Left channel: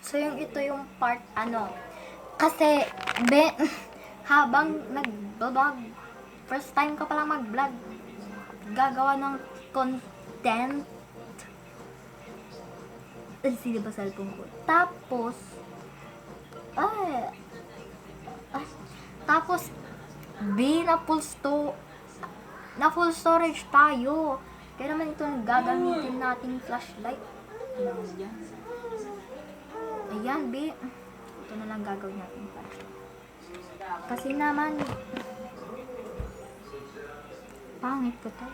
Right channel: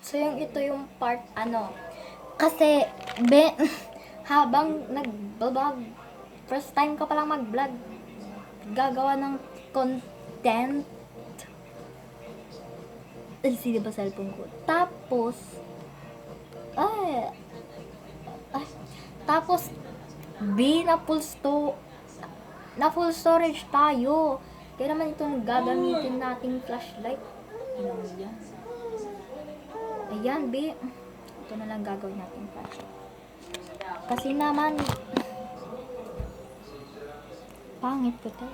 So, ito yung part, kasi, habang nag-vlog, first time ko palang mag-vlog, gagawa ng content. Ay, sino ba cellphone ko? Tapos, ay, tapos, na full storage tayo. Kaya naman ito gagamitin nating flashlight. Ayan, B. Ito na lang gagawin natin flashlight. Kasi naman, pangit ko to.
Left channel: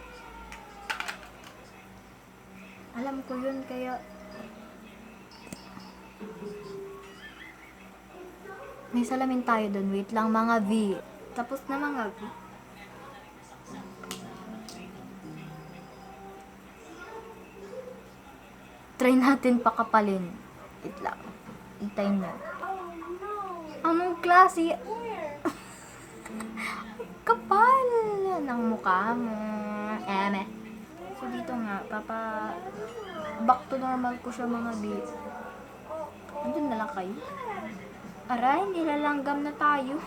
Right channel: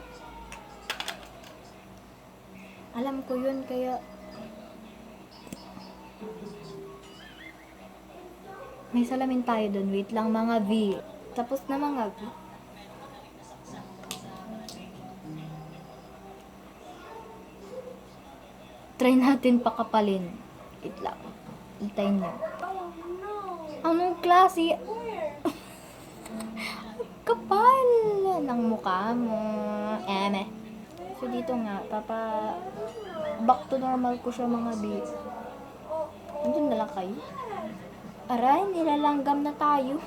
Alam ko yun, kaya may salamin tayo doon. Wait lang, mga V. Tapos na mga V. Try natin pakapalin. Wait lang. Hintayin nyo. Anong klase? Kapal ng mukha mo. So dito nga, back to normal ko siya, mga B. Andun na lang kayo. Aray, nilalanggam na tayo.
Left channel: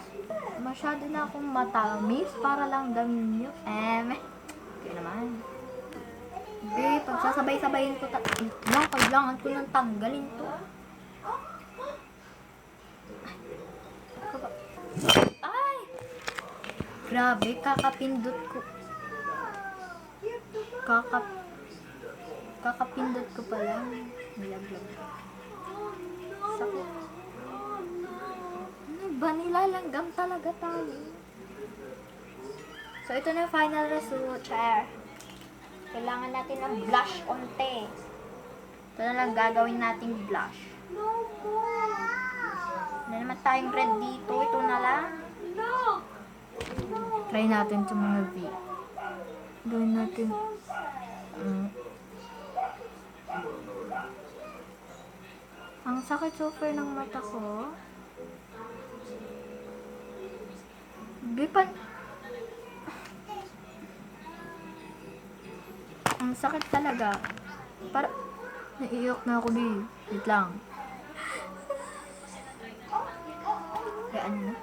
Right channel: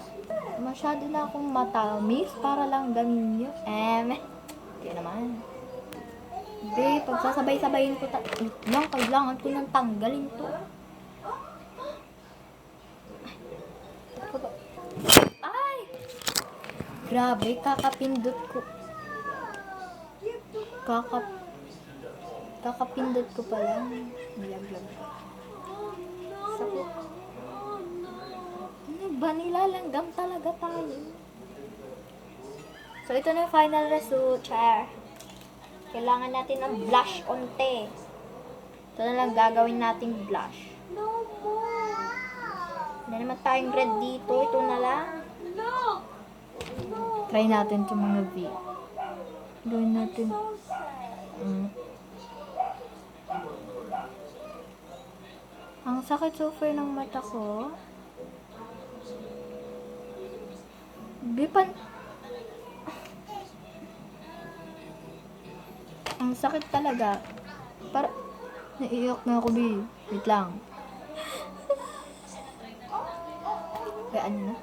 Masyado na akong matamis para lang gamin nyo. Okay naman. Be, pagsasabay-sabayin ko kailangan ko nang tanggalin to. Ay! Grabe, kakapindot ko. Kakapindot ko pa lang. Nilaglag ko. Sakit. Ano ba, nilalanggam talaga tayo. So, ito na yung final result, chair. Kailangan natin ng blush onte. Ito na lang gagawin nating blush. Wala naman tayong red dito. Ito na lang. Try natin itong mga V. Gawin natin. Ang sakit super ng mata ko. Ang sakit talaga. Naiiyak na ako, B. Wait lang. Gaan na.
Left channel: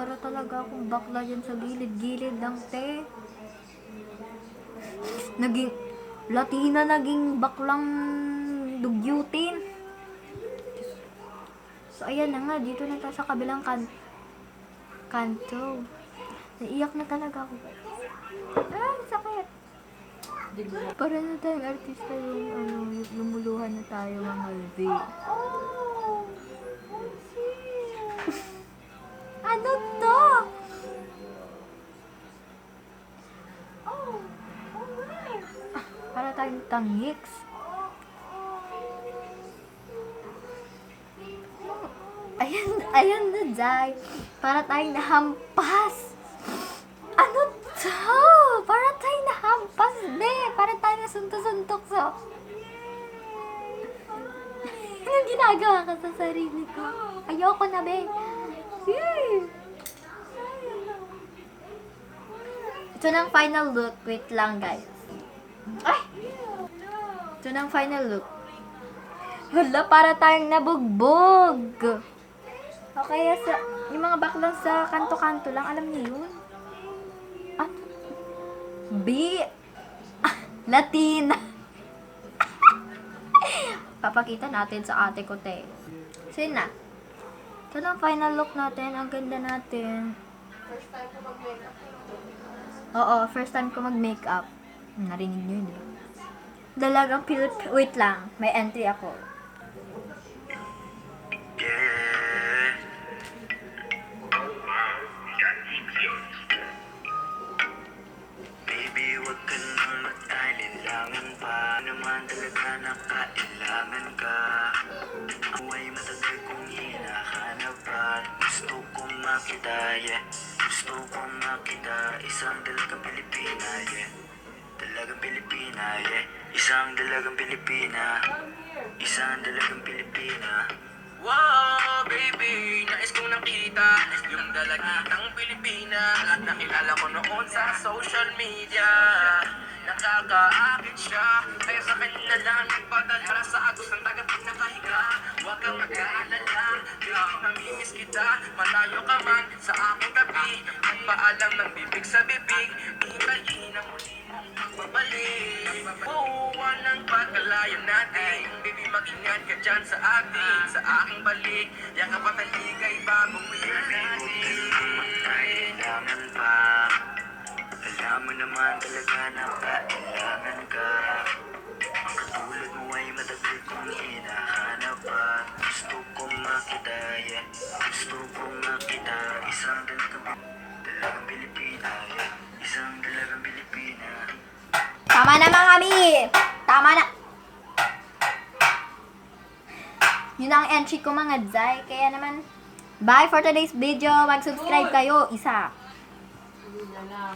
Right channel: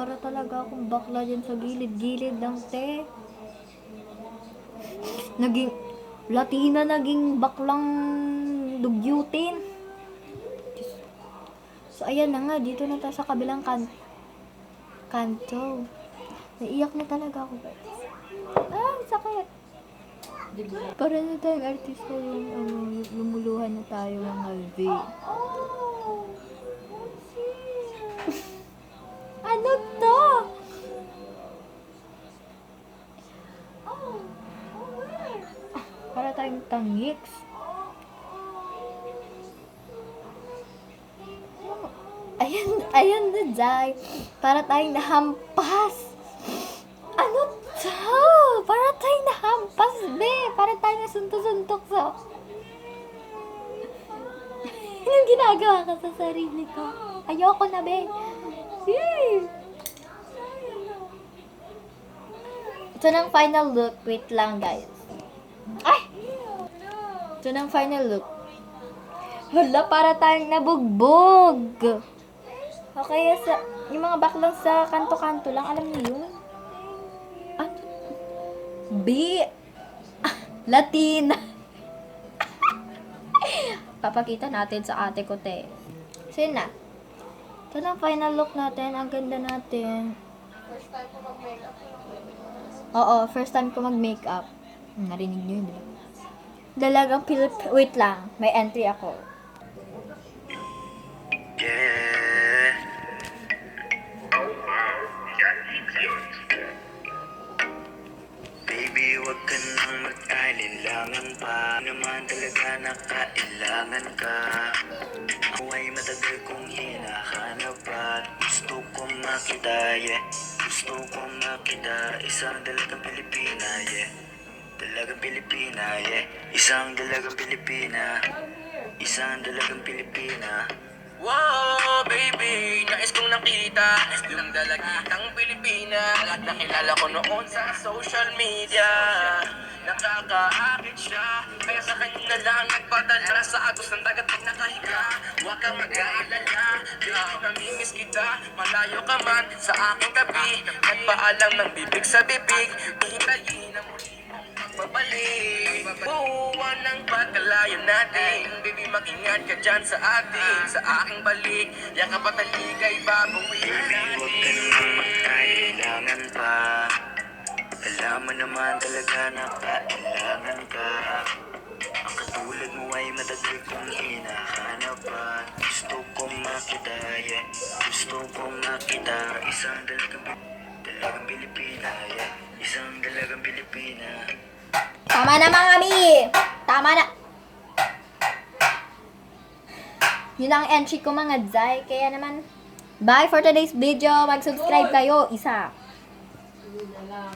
Para talaga akong bakla dyan sa gilid-gilid lang, te. Latina naging baklang dugyutin. So, ayan na nga. Dito na tayo sa kabilang kanto. Naiiyak na talaga ako, guys. Sakit. Para na tayong artista yung lumuluhan na tayo, mga V. Ano to? Para tayong tangiks. Ayan na, Jai. Para tayong nahampas. Ano to? Para tayong nahampas, be. Para tayong nasuntok-suntok, so. Anong ginagawa ka sa sarili ko? Ayoko na, be. Ito na ang final look. Wait lang, guys. Ay! Ito na ang final look. Hala, para tayong nabugbog. Okay, yung mga baklang sa kanto-kanto lang, alam niyo yun? Latina. Papakita natin sa ate ko, te. So, yun na. Ito na ang final look natin. Ang ganda natin. First time ko mag-makeup. Oo, first time ko mag-makeup. Narinig nyo yun, di ba? Dalagang wait lang. May entry ako. Baby, wag ka nang mag-alilangan pa. Naman talaga nakailangan ka. Ako ay matagal kong hinahanap at gusto kong makita, yeah. Gusto kong makita isang dalagang Pilipina, yeah. Dalagang Pilipina, yeah. Isang dalagang Pilipina. Isang dalagang Pilipina. Wow, baby, nais kong nakita yung dalagang Pilipina at nakilala ko noon sa social media. nakakaakit siya. Kaya sa kanya na lang nagpadala sa agos ng dagat pag nakahiga. Huwag kang mag-aalala, grabe namimiss kita. Malayo ka man sa aking tabi, nagpaalam ng bibig sa bibig. Hihintayin na muli mong magbabalik. Buuan ng pagkalayo natin, baby mag-ingat ka dyan sa atin. Sa aking balik, yakap at taligay bagong natin. Huwag ka naman magkailangan pa. Alam mo naman talaga na kailangan ka. Ang katulad mo ay matagal kong hinahanap at gusto kong makita, yeah. Gusto kong makita isang dalagang Pilipina, yeah. Isang dalagang Pilipina. Tama na mga mi! Tama na! Yun ang entry ko mga Zay. Kaya naman, bye for today's video. Mag-subscribe kayo. Isa. Hindi na lang.